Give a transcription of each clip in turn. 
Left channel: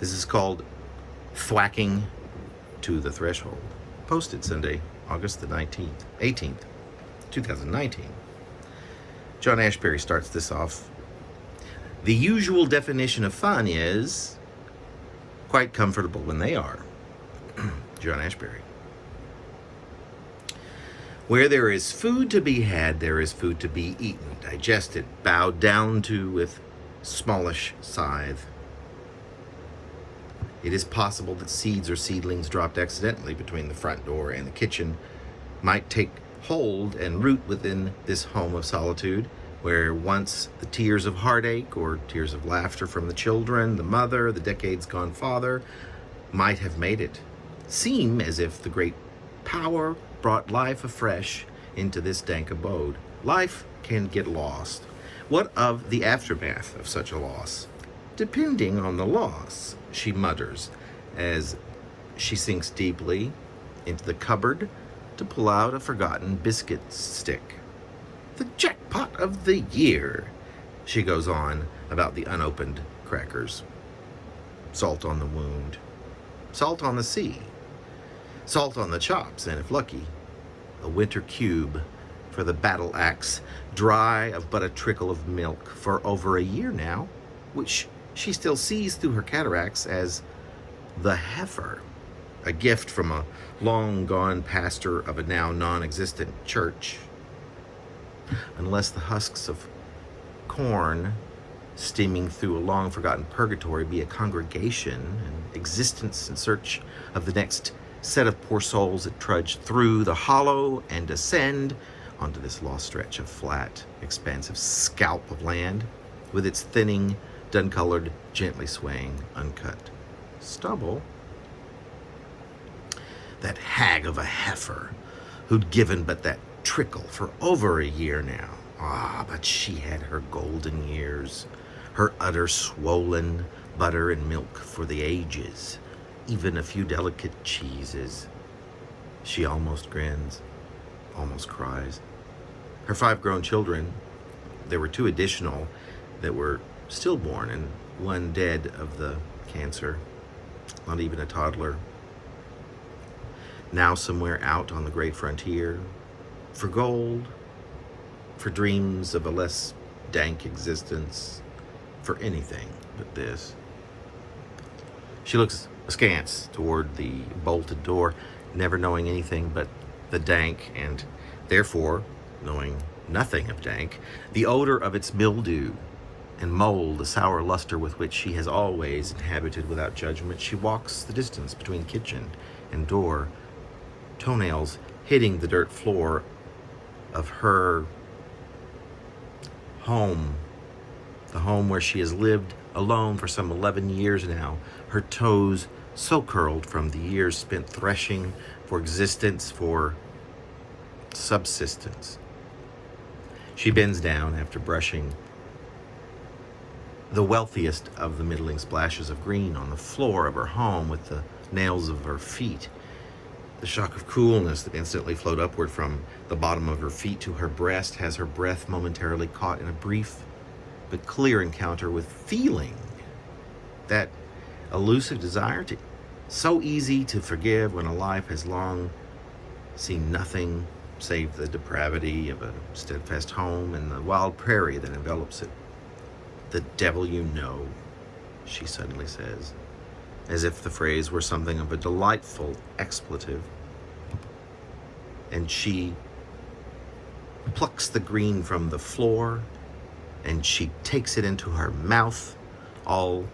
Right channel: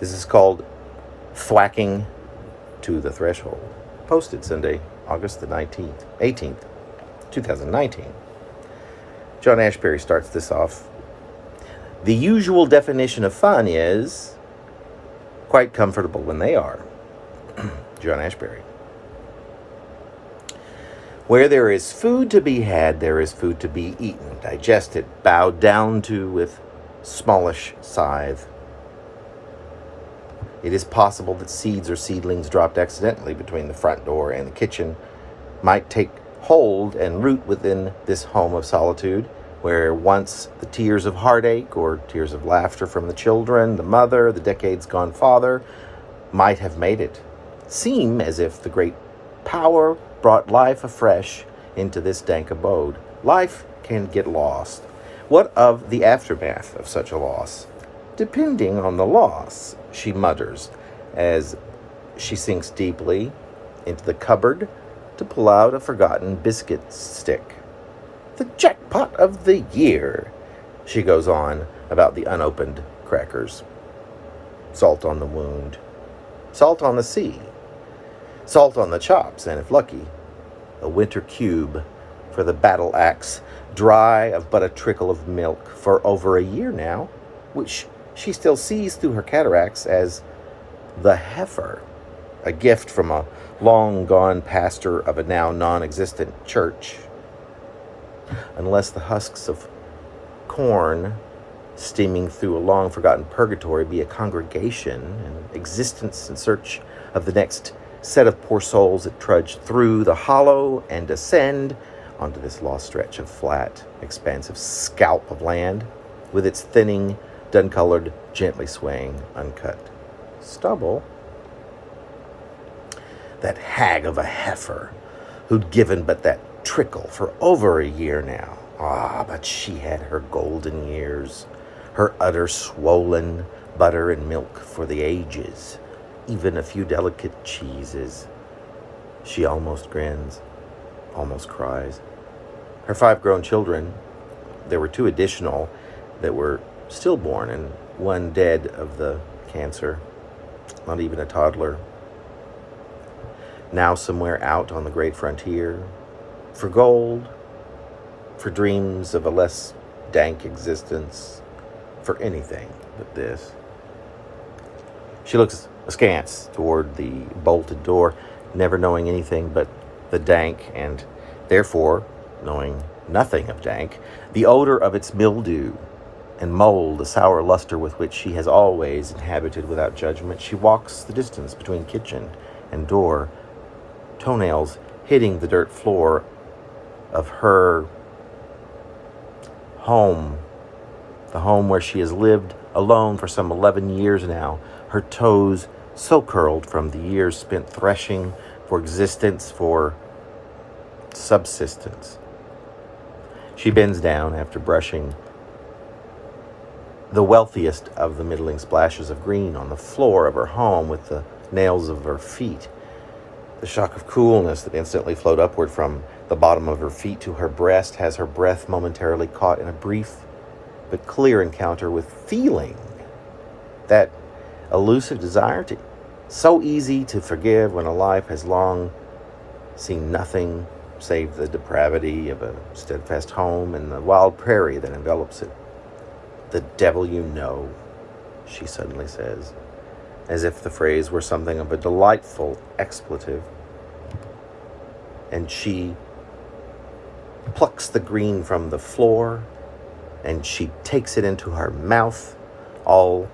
This is called Thwacking to the Threshold. Posted Sunday, August the 18th, 2019. John Ashbery starts this off. The usual definition of fun is quite comfortable when they are. John Ashbery. Where there is food to be had, there is food to be eaten, digested, bowed down to with smallish scythe. It is possible that seeds or seedlings dropped accidentally between the front door and the kitchen might take hold and root within this home of solitude, where once the tears of heartache or tears of laughter from the children, the mother, the decades gone father, might have made it seem as if the great power brought life afresh into this dank abode. Life can get lost. What of the aftermath of such a loss? Depending on the loss, she mutters as she sinks deeply into the cupboard to pull out a forgotten biscuit stick. The jackpot of the year, she goes on about the unopened crackers. Salt on the wound, salt on the sea, salt on the chops, and if lucky, a winter cube for the battle axe, dry of but a trickle of milk for over a year now, which she still sees through her cataracts as the heifer, a gift from a long-gone pastor of a now non-existent church. Unless the husks of corn steaming through a long-forgotten purgatory be a congregation, an existence in search of the next set of poor souls that trudge through the hollow and descend onto this lost stretch of flat, expansive scalp of land with its thinning, dun-colored, gently swaying, uncut stubble. That hag of a heifer who'd given but that trickle for over a year now. Ah, but she had her golden years, her udder swollen, butter and milk for the ages, even a few delicate cheeses. She almost grins, almost cries. Her 5 grown children, there were 2 additional that were stillborn and 1 dead of the cancer, not even a toddler. Now somewhere out on the great frontier, for gold, for dreams of a less dank existence, for anything but this. She looks askance toward the bolted door, never knowing anything but the dank, and therefore knowing nothing of dank, the odor of its mildew and mold, the sour luster with which she has always inhabited without judgment. She walks the distance between kitchen and door, toenails hitting the dirt floor of her home, the home where she has lived alone for some 11 years now, her toes so curled from the years spent threshing for existence, for subsistence. She bends down after brushing the wealthiest of the middling splashes of green on the floor of her home with the nails of her feet. The shock of coolness that instantly flowed upward from the bottom of her feet to her breast has her breath momentarily caught in a brief but clear encounter with feeling. That elusive desire to so easy to forgive when a life has long seen nothing save the depravity of a steadfast home and the wild prairie that envelops it. The devil you know, she suddenly says, as if the phrase were something of a delightful expletive. And she plucks the green from the floor, and she takes it into her mouth, all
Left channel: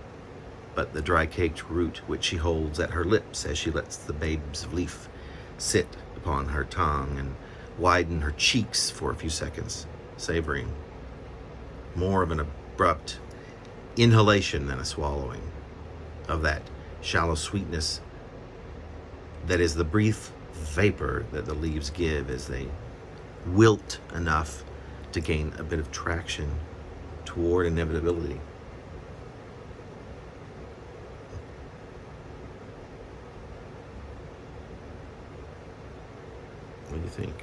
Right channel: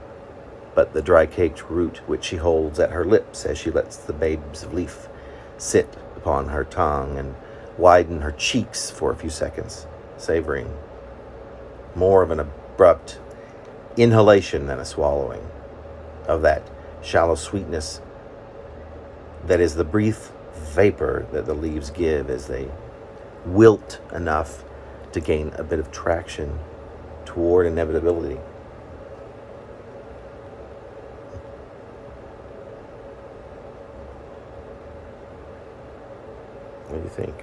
but the dry-caked root which she holds at her lips as she lets the babes of leaf sit upon her tongue and widen her cheeks for a few seconds, savoring more of an abrupt inhalation than a swallowing of that shallow sweetness that is the brief vapor that the leaves give as they wilt enough to gain a bit of traction toward inevitability. What do you think?